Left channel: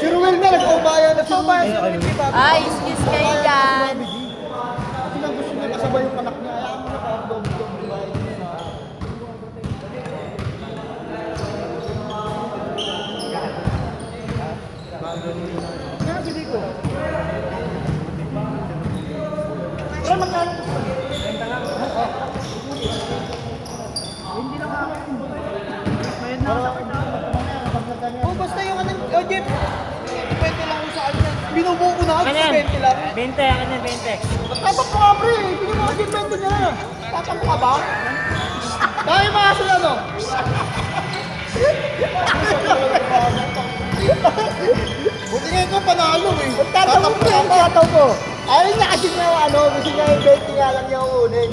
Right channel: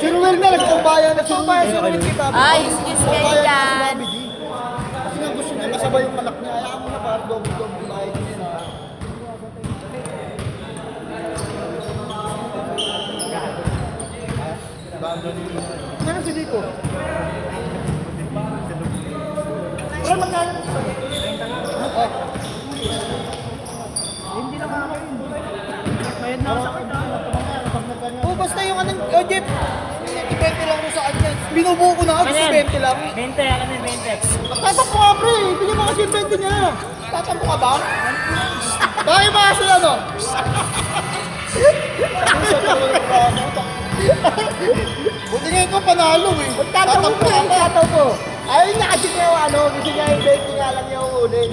Si Ruel na, nagpambayan na si Ruel. Ay, excuse kayo dyan. Kasi nga gusto niya kasabay yung anak niya. Ayaw mo na para double-double. Meron si dito. Eh, magkano? Oh, basta yung anong, oh, Jeff. 20 lang mo sa kanya. Binubuo ko na ako, 20 lang. 20, ano 20? Tatak ko nga, pre. Bigyan mo kasi 20 niya. Tatak ko ka ba? Bakit ba kasi ano? Buti ngayon ko panalo eh. Tatak ko nga, tatak ko. Ayun na kasi nga ano, gusto niya yung 20 nga lang yung unin.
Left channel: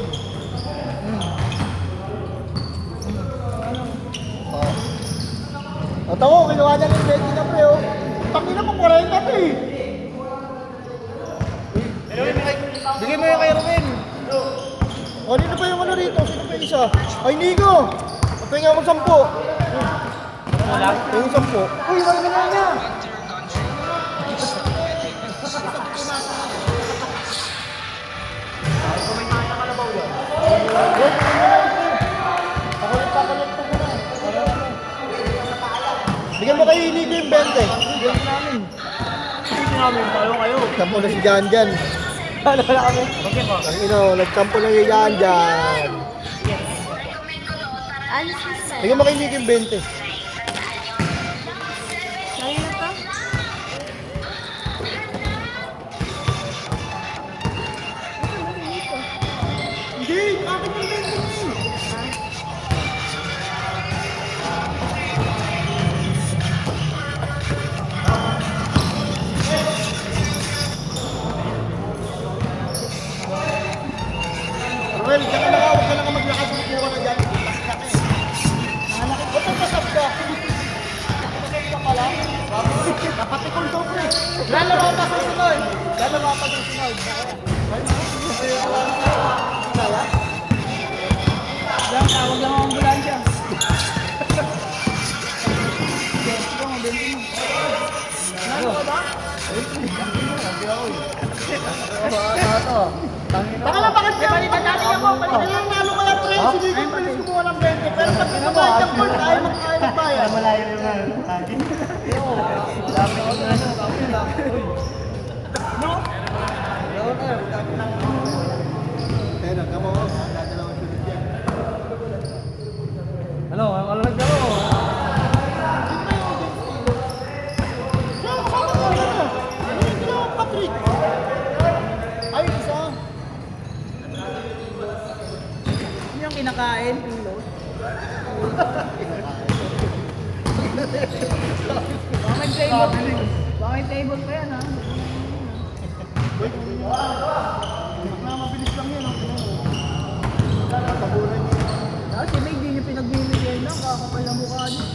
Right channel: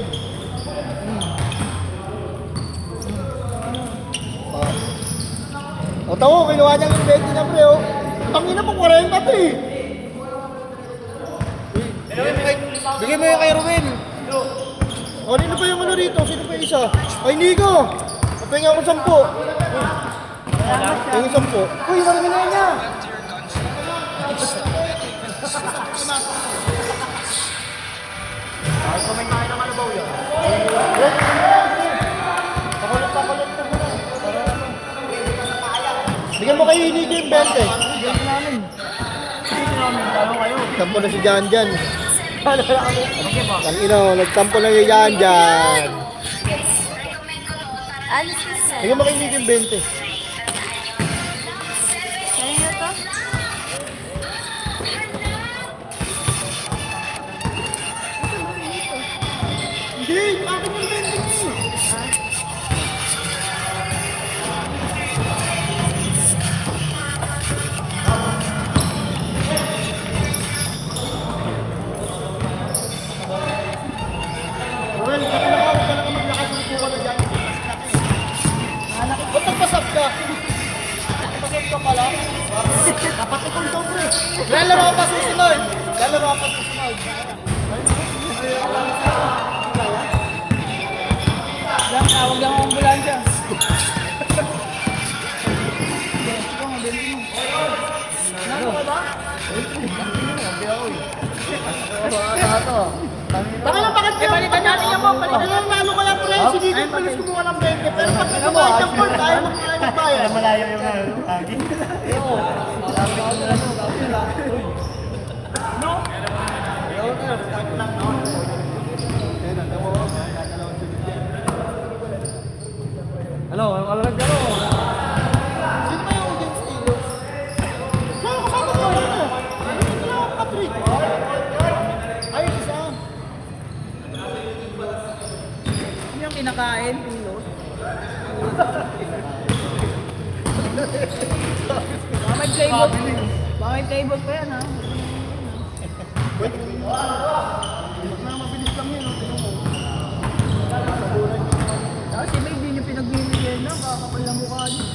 O tawo, kinuha niya yung 20 na pre, oh. Tangina po, 40 na eh. Bigyan mo yung kay Ruel. O, nino pa yung ano rito? Sino pa yung isa? Ay, Nico! Kapinga ako 10. Yung 10. Uy, marami na nga! Pakulit pa muna. Bigyan mo kay Nico yung 20. Tampo na si Jan Jan. Ang ina, nagtampo lang yung Jan Jan. Ano sa Bigyan mo kay Nico yung 20. Hindi, ako mo yung 20. Well, saka na ako, kailangan maglakad ng pura ka dyan. Ba't ang kasap ka? Kasap ka pala? Dapat ikaw daw, pre. Lalawa pa susunod. Lalawa pa susunod. Lang, tawag yung ambulansya. Nalo ka ba? Hindi ako eh. Baka lang bakit niya? Pag ilang nalo ka lang, pre, si Dito yung pilis kumuha ng 20. Pero pag nagkabayad ng court, ayaw magbayad. Malayo yung lagi. No? Hello, wala nagkaro. Ano yung kinakain? Pilot? May table. May table pa yan ha. Mabilis lang yun. Kasi may hindi nyo pinagbibigay na. Kakapal na mukha nyo.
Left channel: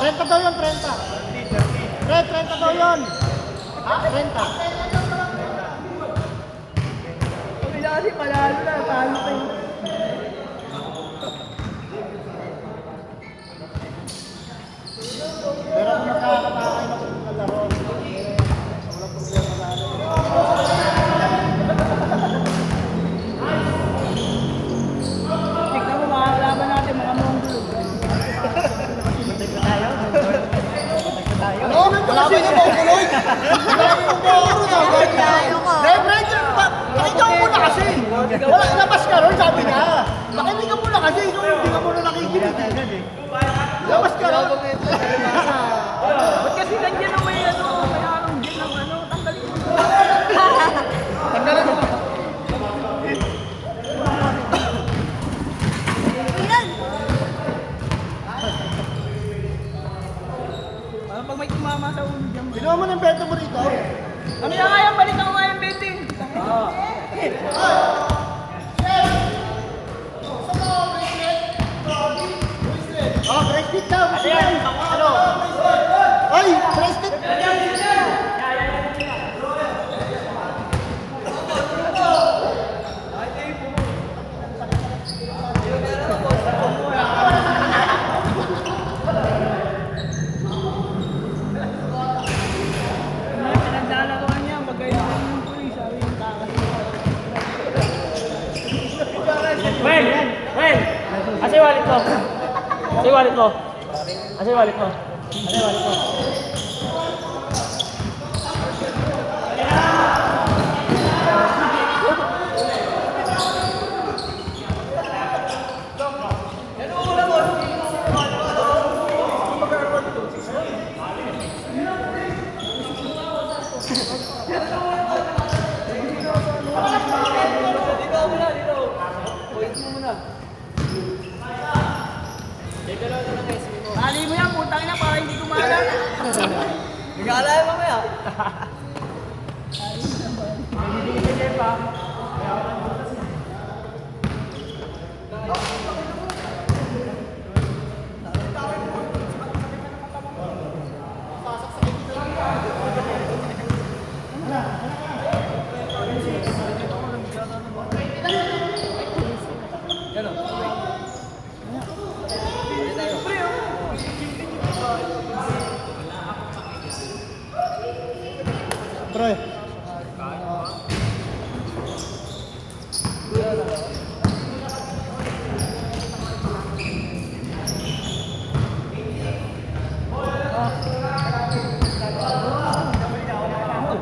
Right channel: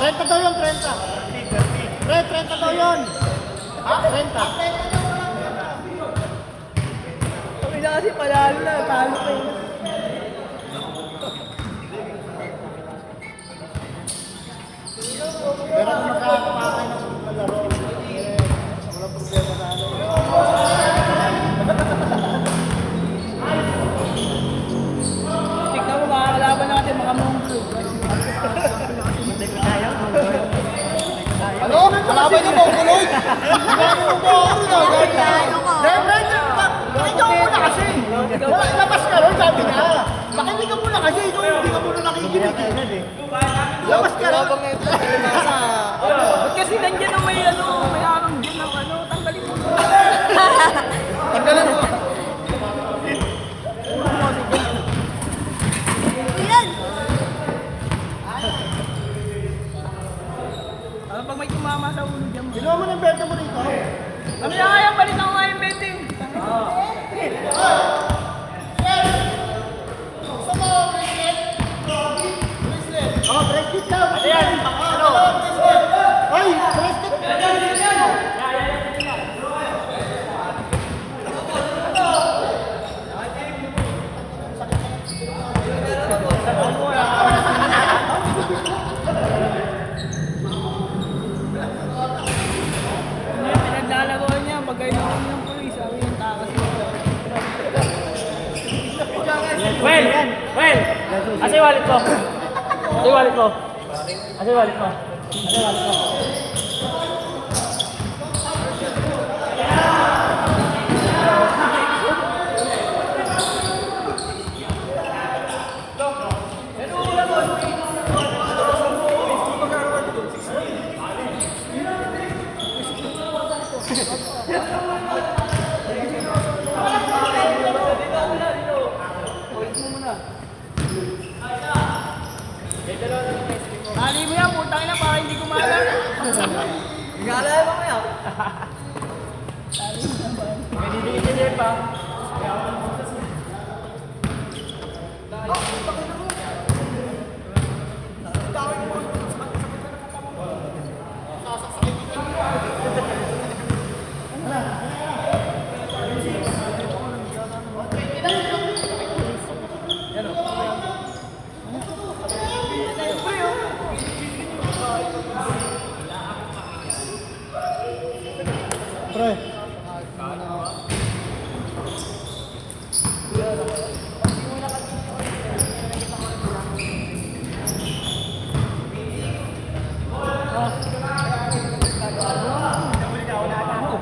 Renta daw yun, 30. 30 daw yun. 30. Kasi palalo na. Paano kayo? Pero kung nakakapakain na kung kalaro, wala problema sa ano. Tignan mo mga kalaban natin mga mundo. Ano? Kalaban niyo ba ang kuloy? Kalaban mo ba ako na? Ikaw muna kasi. Labas ka ron, sabi niya. Makinig ka muna kasi ikaw hindi ka muna nakikinig. Labas ka ron. Ba't kasi nandiyan ang may ano, may anong dyan ng ano, tanggalin mo. Tanggalan mo. Parang pag may tumama sa ulo dyan mo. Binuha mo ng benta mo rito. Ano na kaya, balik ako nga yung betting. Oh, bracelet daw. Ano? Ay, bracelet. Pinaglalaro niya, magkailangan ng pulis. Sabi yung takas nito. Well, asa yung wallet ko? Asa yung wallet ko? Asa yung wallet ko? Tali mo yan, putang ina, para hindi ko maalala. Nag-aalala mo kaya? Pre.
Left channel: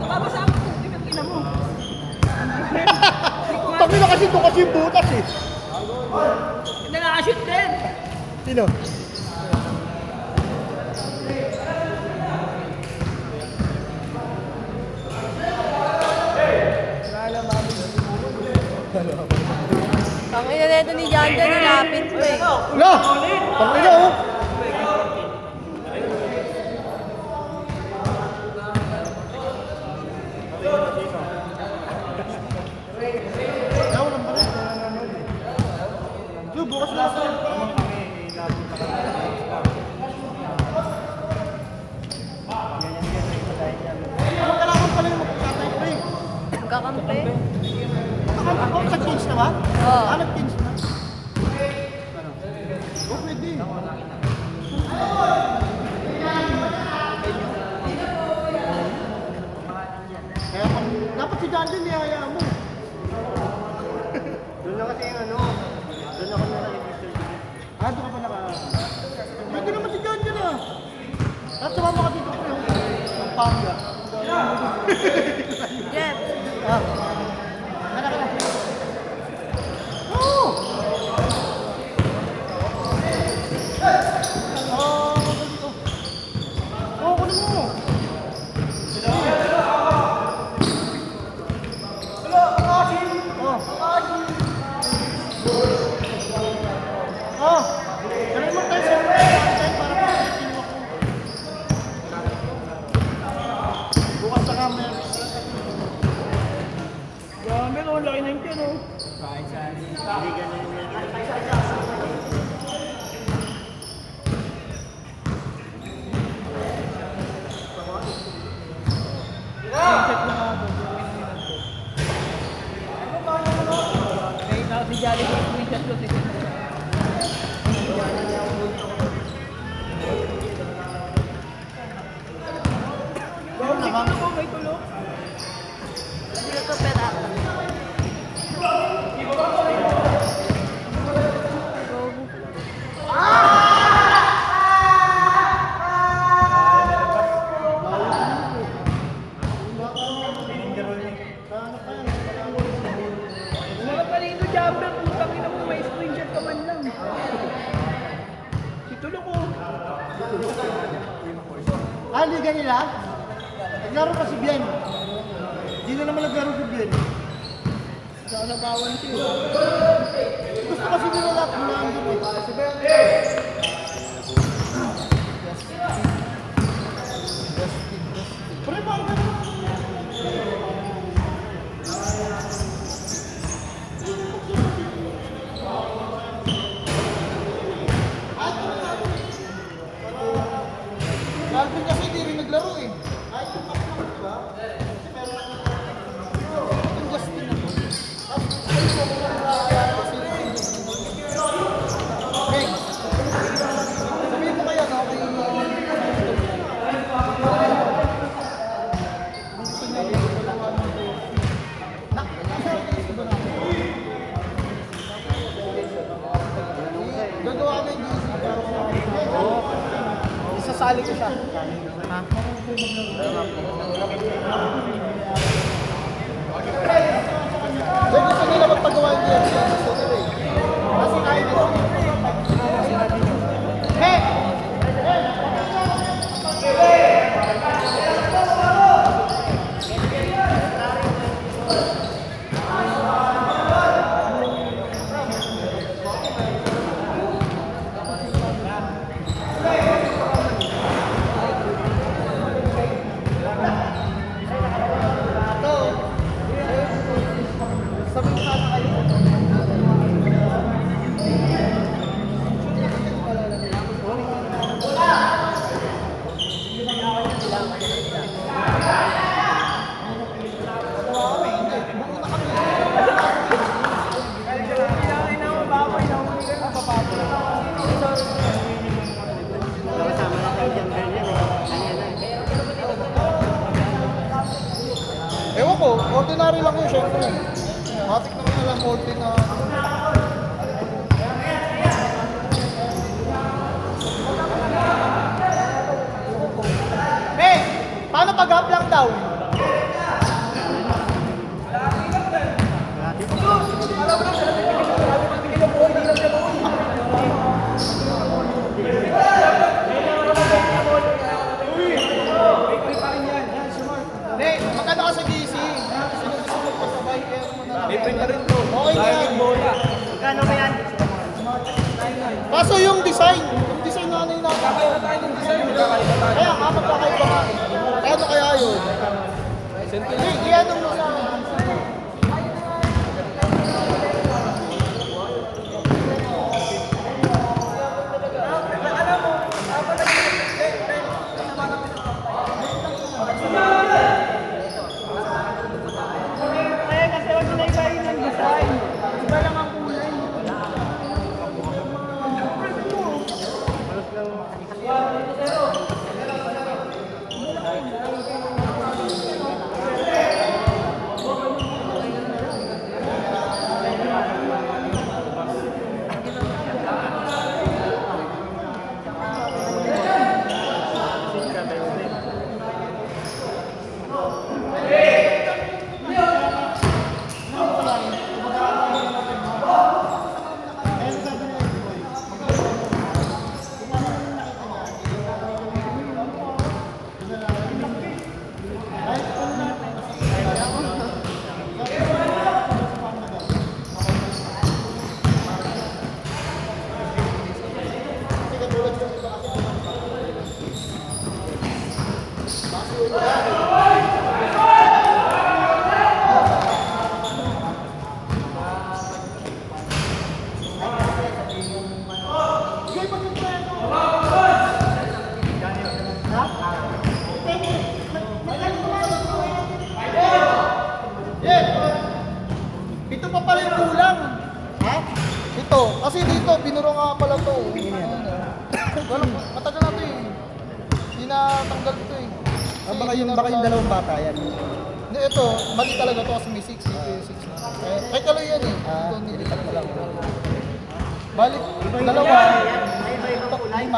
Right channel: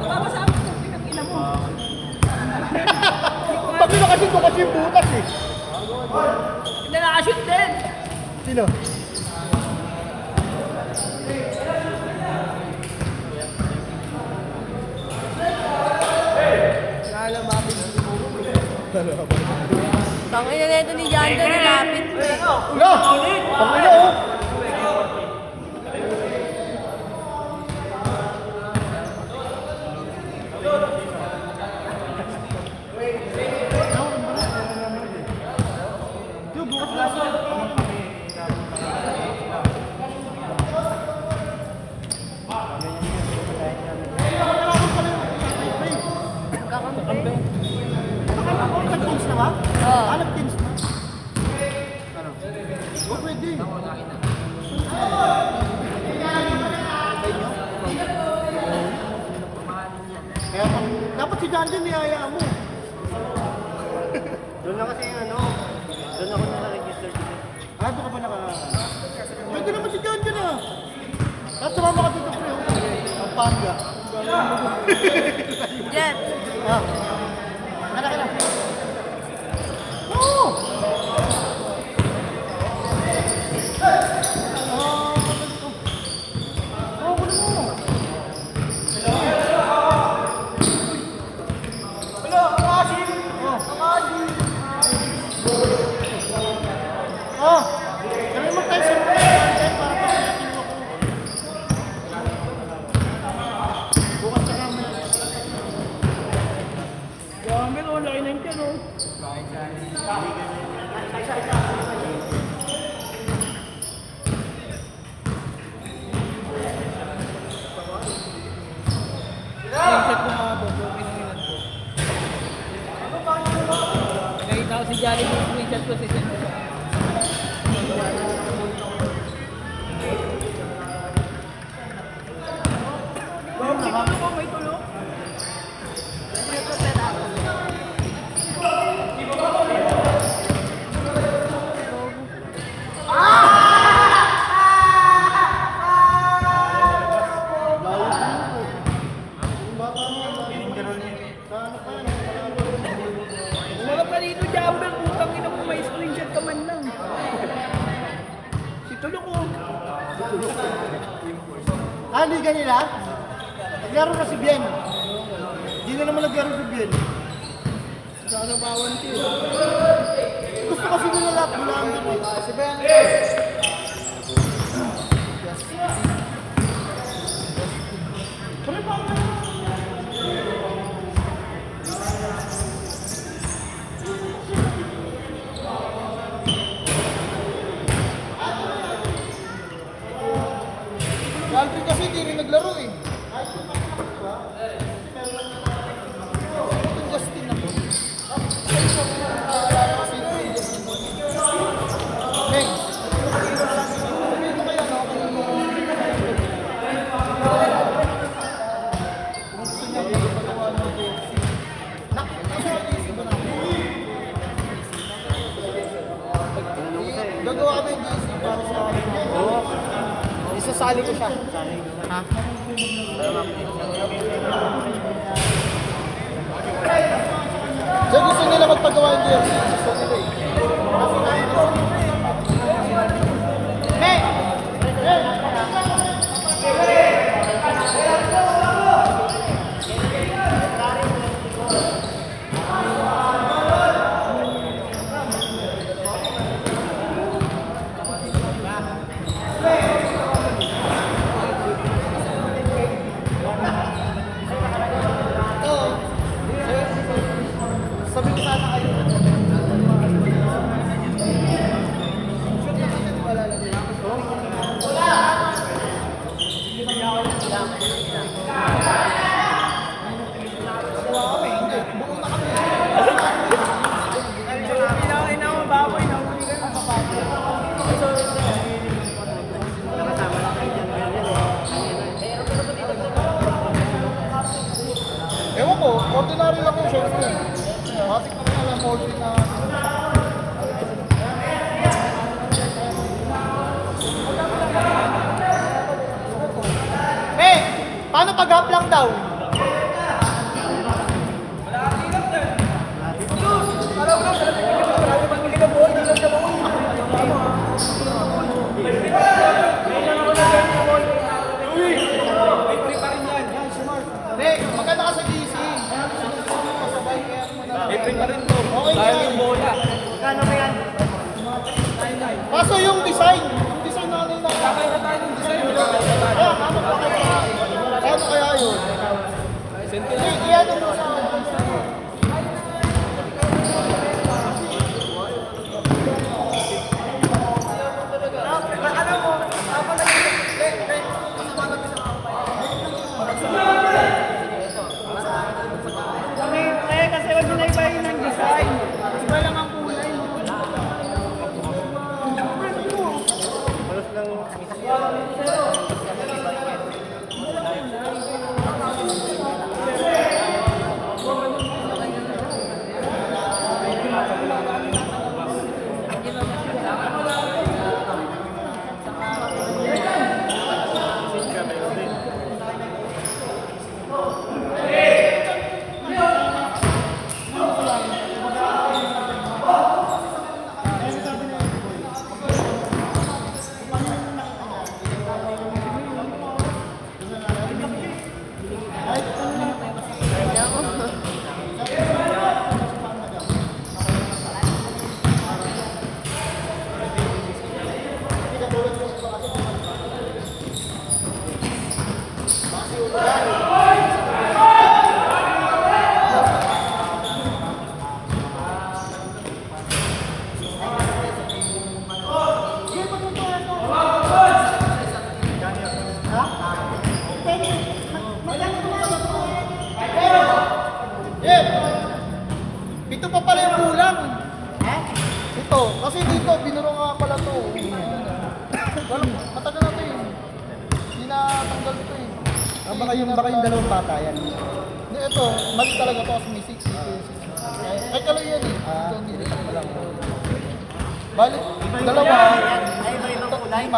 Papasabi ko, pinag-ina mo. Tabi na kasi ito kasi yung butas eh. Hindi nakashoot din. Sino? Tangay na nito ni John John, nilapit mo eh. Wala! Tangina oh! Yung bukas lasa. Kakampi. Nag-pins na nga? Oo. Nag-pins na? Ano? Oh, pwede. Kaya dapat si John din niyaya mo. Doon na kasi yung ano, doon ako naka-register. Ah, doon ka pa naka... Pwede naman si John din ah. Tapos sumama ka dito pre. Ang pangga. Jet. Ah. Nakakita. Oo! Oh, ganun mo tayo sa bukas na kami. Gamit, oh, laki na yung tiyan, oh. Nakita ko si Johnny mo, screenshot ko si Johnny. Bawang si Tino ko, may tulog. Wala ka dito, Jumper, putang ina liga nila? Naglaro na si Bien. Hindi na naman naglaro si Bien. Sana bawan team. Gusto kasi nila lahat mula ang Bien. Si Ben. Alvin kasi hindi rin naglaro eh. Yung Justin na po. Gagawa ko yung isasali ko siya. So gusto nila magpagawa yung jersey. Gusto nila eh. Kasi kahit hey! Ewan ko, ordinary lang yung short film. Matik na kaya lang holding na. Eh, paano pag-up lang daw? Hey, maganda ka sa GC. May print pa rin to. Sayang yung bola. Kano ba yan? Kaso yung design na nila. Kakaiba tayo ng design. Kakaiba tayo. Ano kaya yun? Sentinel. Kaya nung sa... Ito pa pala yung kulang. Ito, kasi dito, binuro nga pala ito. Wala, matagal na ito eh. Hindi na tanggal ito eh. Baka yung dalawang bata yan. Hindi, ito, mali talaga ito kasi may 6 dito yung 6 na. Ay, kalo yan eh. Ito, hindi lang talaga. Balik, dalawa, ito, 5, 6.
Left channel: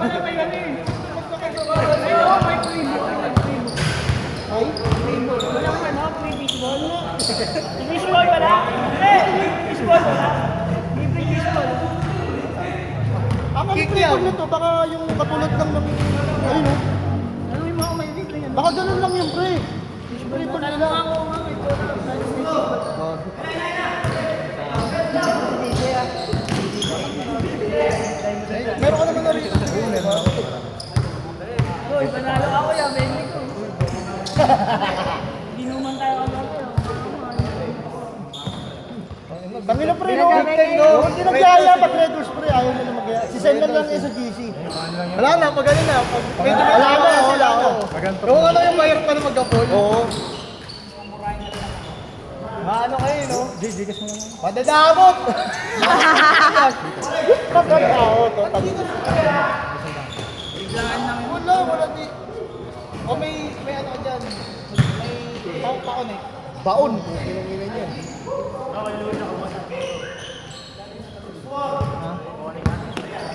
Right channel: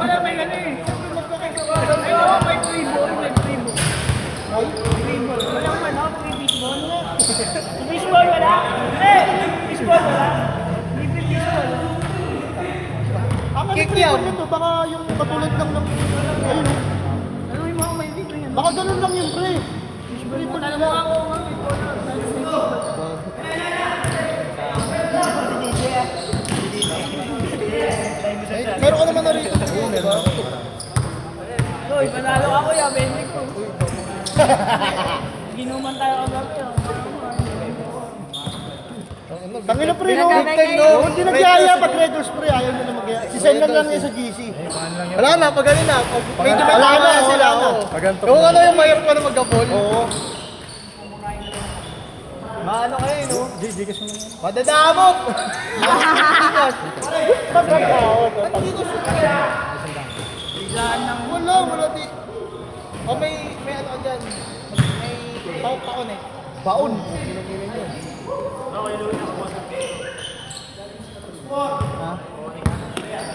Wala may ano eh. Ay, no, may primo. Ay? Walang ano, pre-baseball. Baseball wala? Baseball wala? Libre baseball. Kick trigger nito, baka yung katulad lang ng, ayun o. Ano yung mga may litre yan? Baka ganun lang yung pre. Prito na lang. Meron ka naman na rin. Uy, panalo ako yan, Bendik ko. Ginuman tayo ako dati. Tangin na pre, no? Hindi nagyaya pag Red Horse pre, ayaw nyo na magyaya. Si Sen lang niya sa GC. Wala na, pag ganun na. Wala na sila, no? Yung ano yung mayroon pa na magka-ball? Oo. Maano kayo, no? Gigas mo naman. Padadamot! Pagkakao, Biglaan lang. wala di. O may ano dyan. May paon eh. Baon. Inong-inan yun.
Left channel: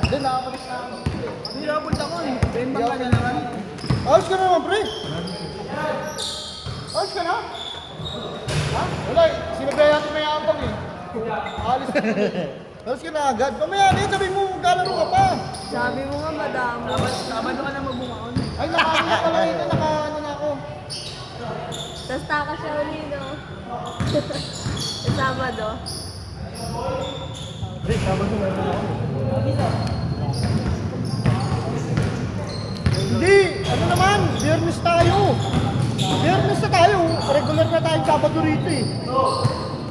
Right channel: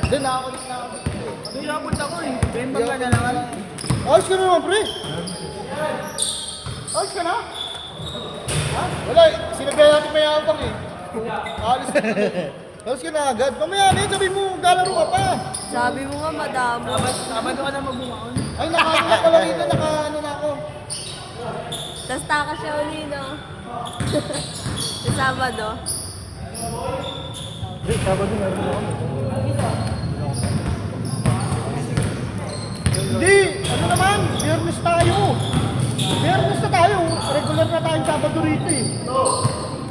Doon nakakalit na ako. Hindi abot ako eh. Bembang lang na naman. Ayos ka naman, pre. Ayos ka na? Ha? Wala eh. Sinabihan natin pa yung utang eh. Alis ka na. Ayos ka na agad. Mamaya na sabi mo, galaro ka pa. Sabi mo nga madamo. Nakabado ka na mabukon. Ay, nakaingat ko lang ito. Naka-ano na ako. Tapos tako siya uli, no? Sa Sabado. Hindi! Ano naman? Biyernes tayo. Biyernes na tayo. Regular na tayong Sabado rito eh.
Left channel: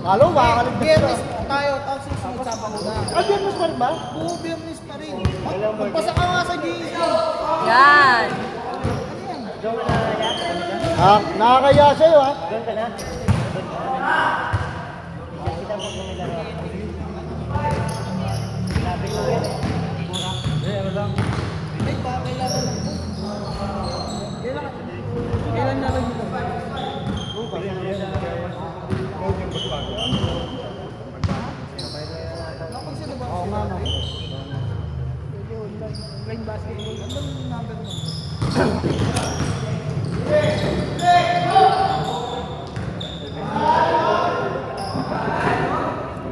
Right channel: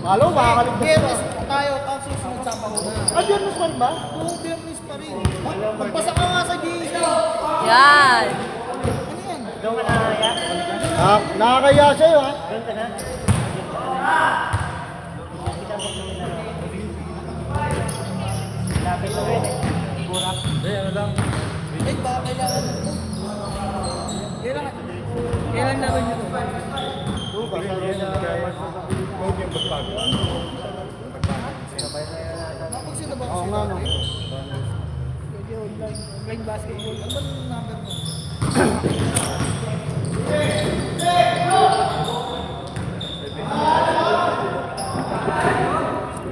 Halo, makakalit. Biyernes tayo, tapos susunod Sabado na. Ah, Biyernes pa rin ba? Oo, Biyernes pa rin. Magpasa ka nga sa GC. Yan! Ah, nakakaya sa'yo ha? Kailan namin yung tupan? Playing basketball. Ano number mo?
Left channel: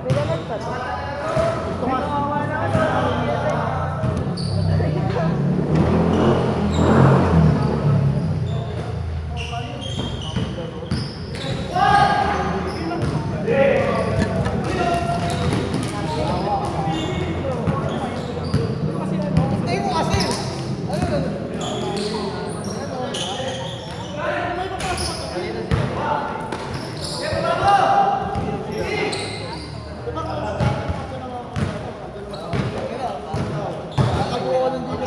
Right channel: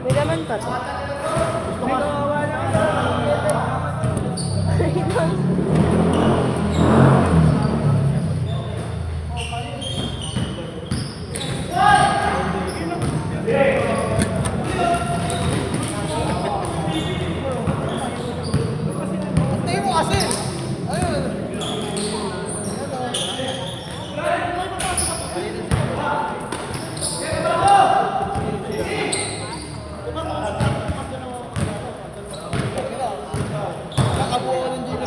May naman pa. Tayo mo kasi. Nakabuo ng dito.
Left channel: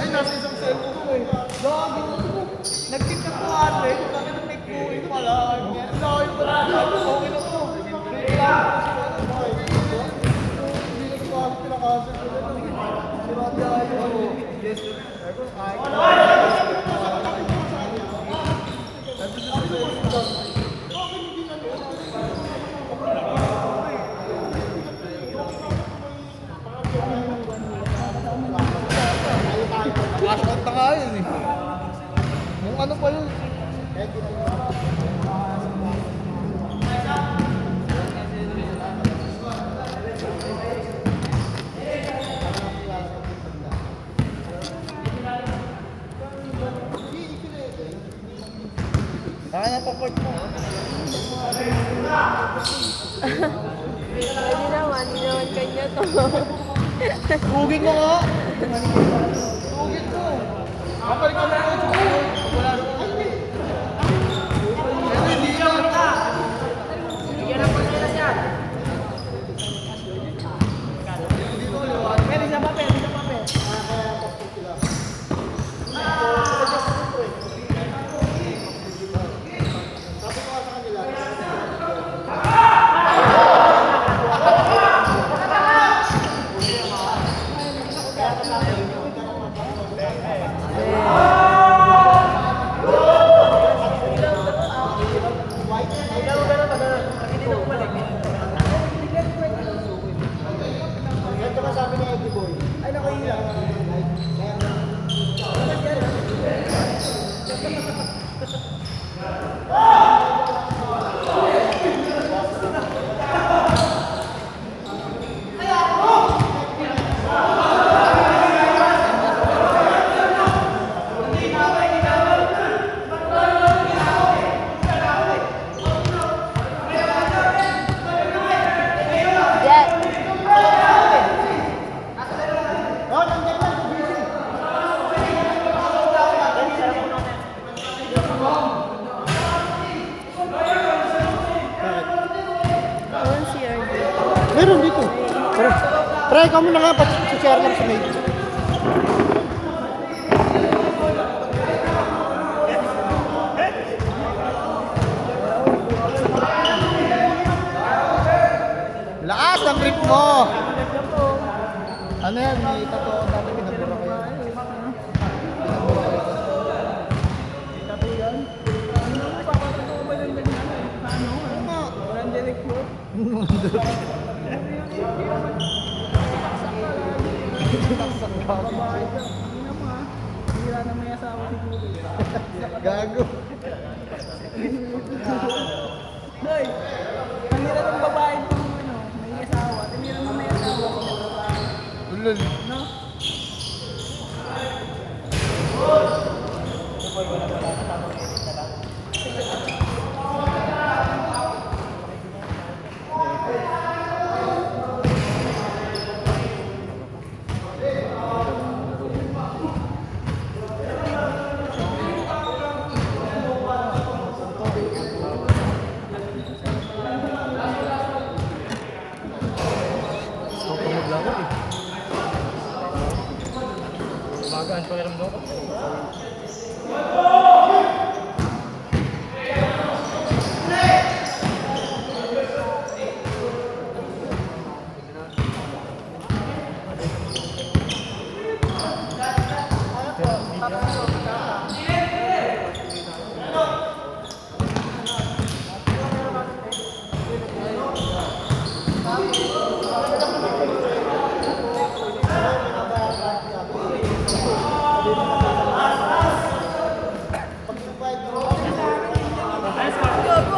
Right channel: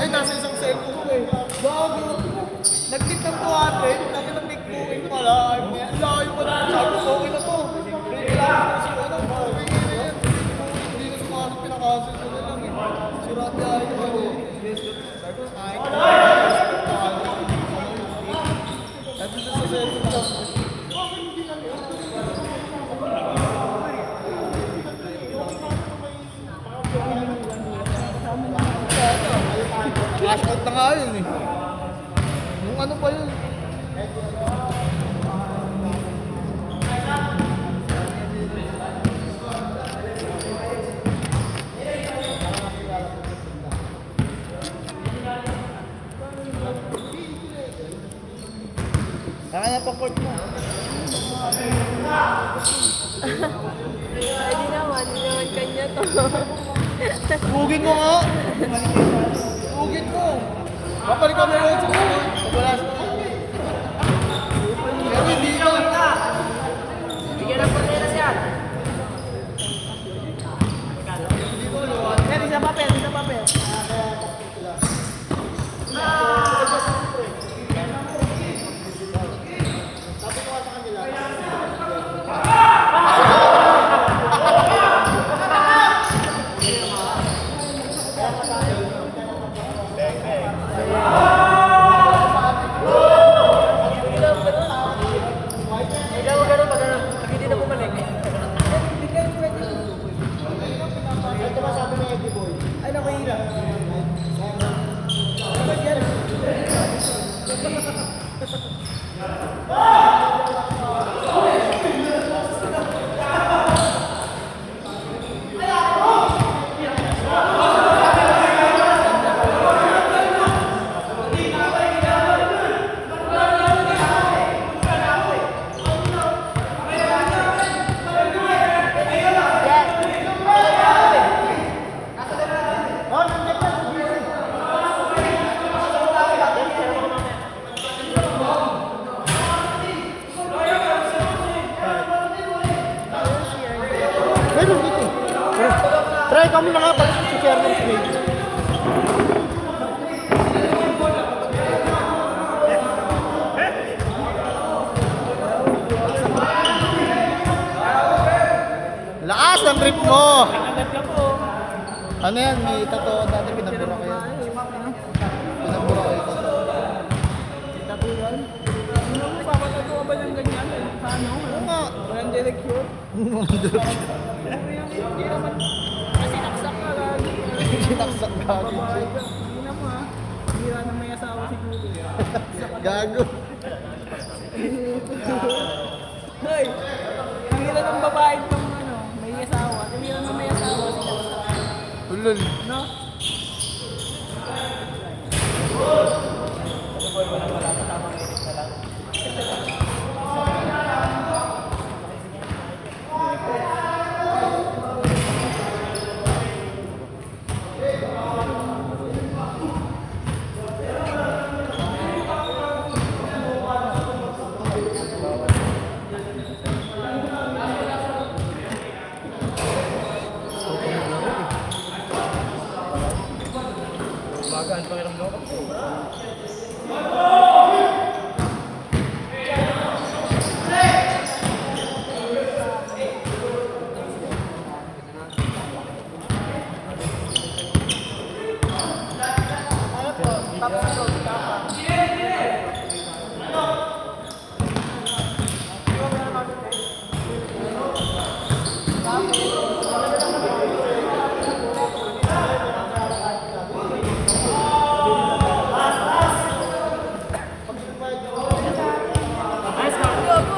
Ay, nasa isang cellphone ko eh. Nag-tip na po ate. Sabi ng big booking pala. Ang layo ko na. Sabi ko, okay na to. Hindi na sumasok, pinakancel ko na lang eh. Sirabi ayaw ano. Sabi ko, kahit Last na nga yun eh. Nung ano pa yun? Kaya pa port mo. Hindi naman kanya to. Hugin mo kaya? Ugit ko. Kapalik ko na ako sa ulo. Wala sa ulo. Pero sa papel, sa papel. Pre, kami na nga, share lang sa baby. Lakas ang trip mo! Ano yan? May tato natin pinabura ko yan. Gago. Hoy, ang hirap ng babae pang may asawa. Ang hirap ng may asawa. Ulol. No?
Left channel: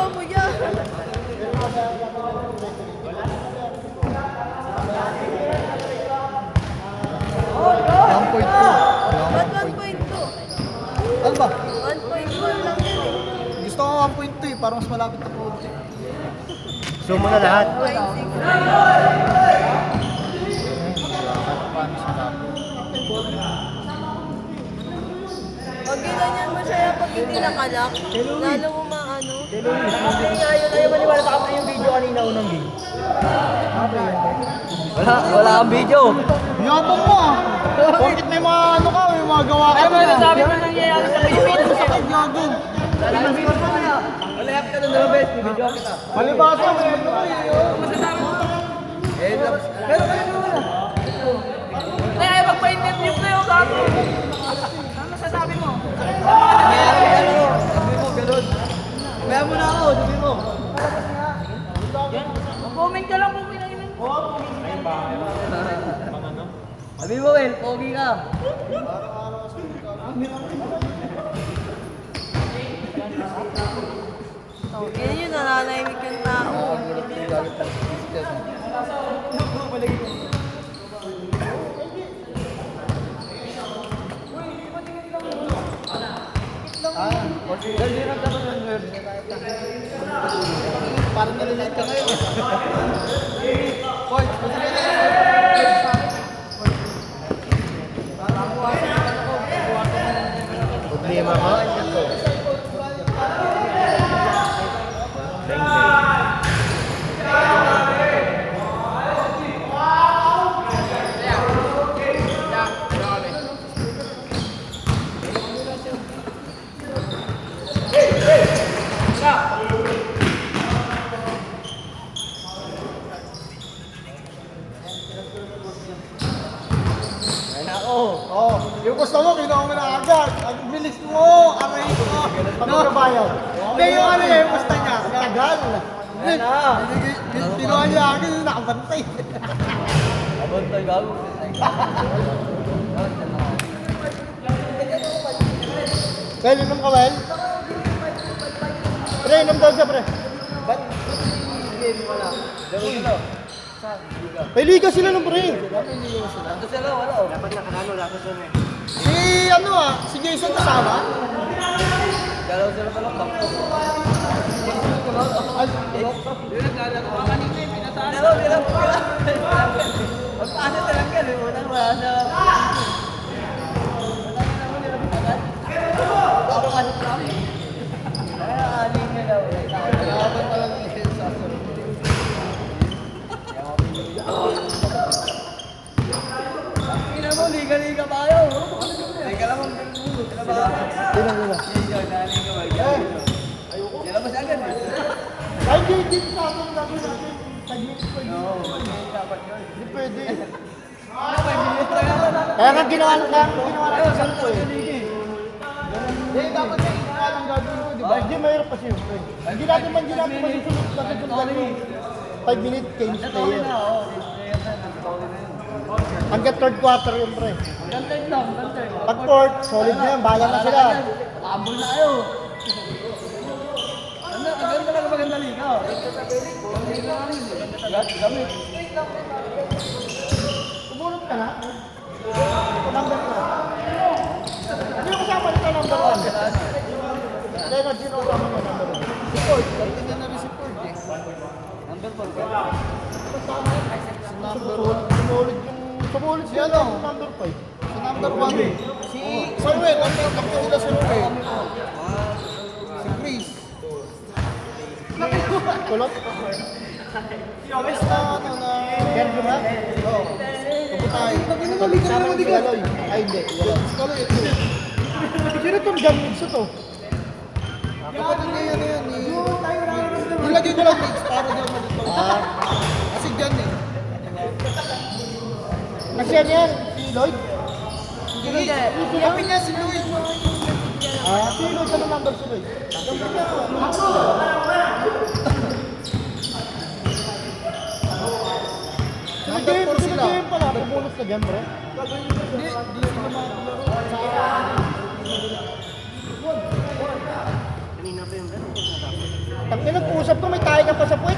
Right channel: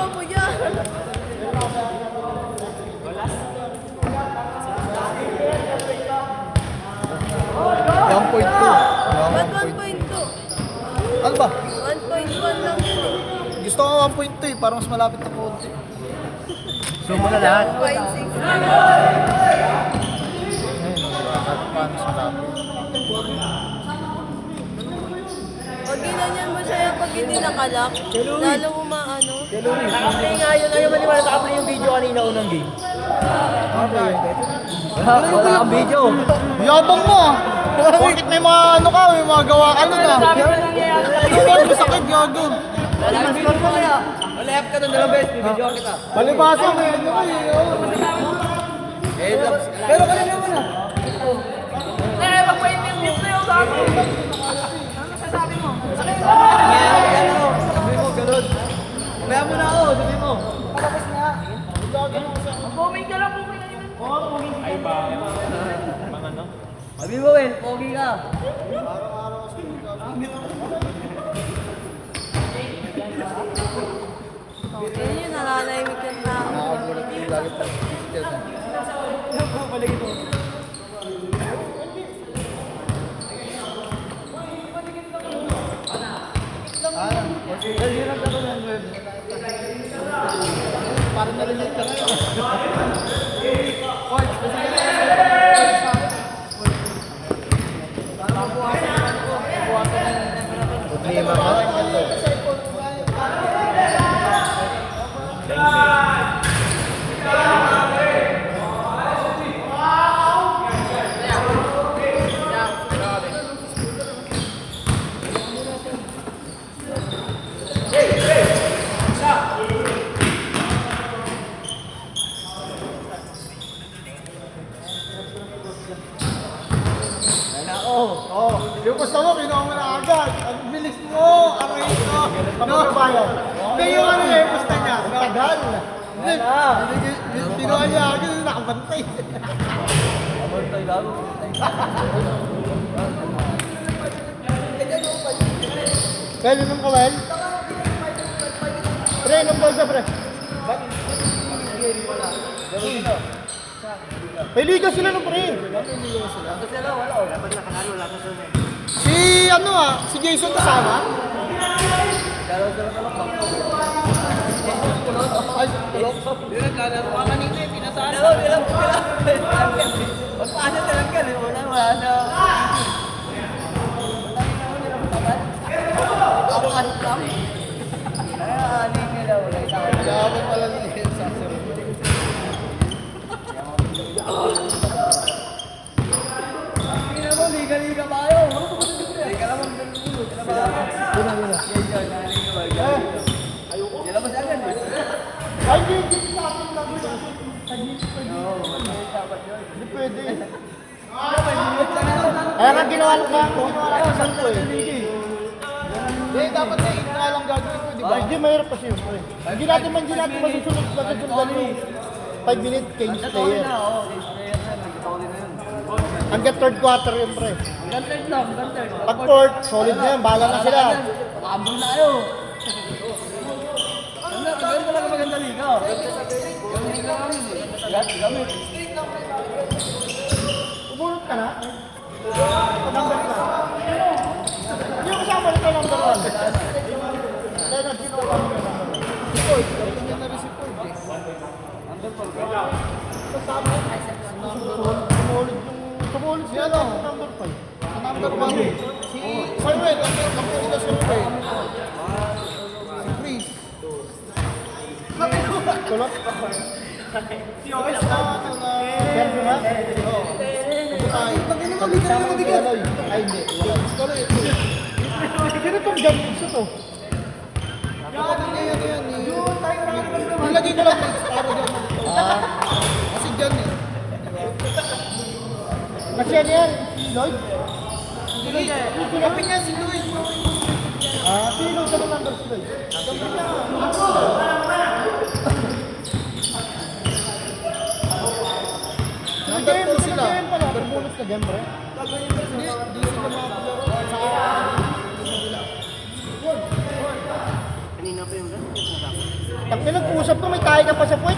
Gago mo yan. Ba't 1.2? Ano ba? 1.1 lang yun eh. Gusto ko 1.2 eh, parang mas malapit na po. So mo na lahat. 1.6. Pag ginanyan mo siya pag hindi nakalak, lalo mo maano. Hindi nga yun, ayaw maniwala sa akin yung video kanina unang game. Wala kang video. Yabang mo ah! Bakit may mga ano ka, may mga gawa ka na na? Ang sakit, gago. Malahap ka doon dalawang beses, bibidyo kita. Palibasa mo yun ako eh. Pero kayo naman ah. Kaya magpa-invent na yun sa akin. Ano sasabi mo? Sabi mo, ganun. Kaya mo na ako, sabi mo. Comment ka lang, comment na yun. Sabi mo, pogi ka. Yan yun, nananahimik yung tao. Nakakagulat ko yung gagawin pang Christian ah. Parang nalilate ka ngayon. Problema ka? Oh, yung gusto mo, kinuha mo na agad. Ang bilis mo, ang bilis mo. No? Hindi yung ano eh, basta niya. Gagal. Kinuha niya agad, nakabantay. Kaya mo ka, Well? Pre, inom daw siya, pre. Ba't? Peliga sila ng pre. Si ano ah, si Jason kasama? Ay, pwede. Kaya nga ginawa ko sampo eh. Hindi, dapat sa inyo nga lang gagawin ko, di ba? Hindi, mahirap pa siyempre. Hindi natin masusunod yung 5 minute change player. Hanggang third quarter yun, pre. Ganted lang, ganted. Pag fourth, solid na yan. Bahala na sila. Paambol na kayo. Ano, agad talaga maganda dito. Gamit. Ubulot ka na? Number ka. Hindi ko kasama nito number 1. Energy ko lang yung number 1. Support, ganda na rin support eh. Sumulit siya lang. Number 5. Number 1. Si Samuel, number nila si Ruel. Si Chris. Kulot. Chris na ano na... Ganda na? Oo. Ay, hindi. Sino itong gamit to? Nilagay ko lang next para doon. Kasi dyan eh. Kasi ano yan? Si Lloyd? Kami nga si Luis. Sino sa number si Lloyd? Number 4 sila. Number bonus na game, bro. Tang nag-uusap ko, may tayo ka pa sa puwet.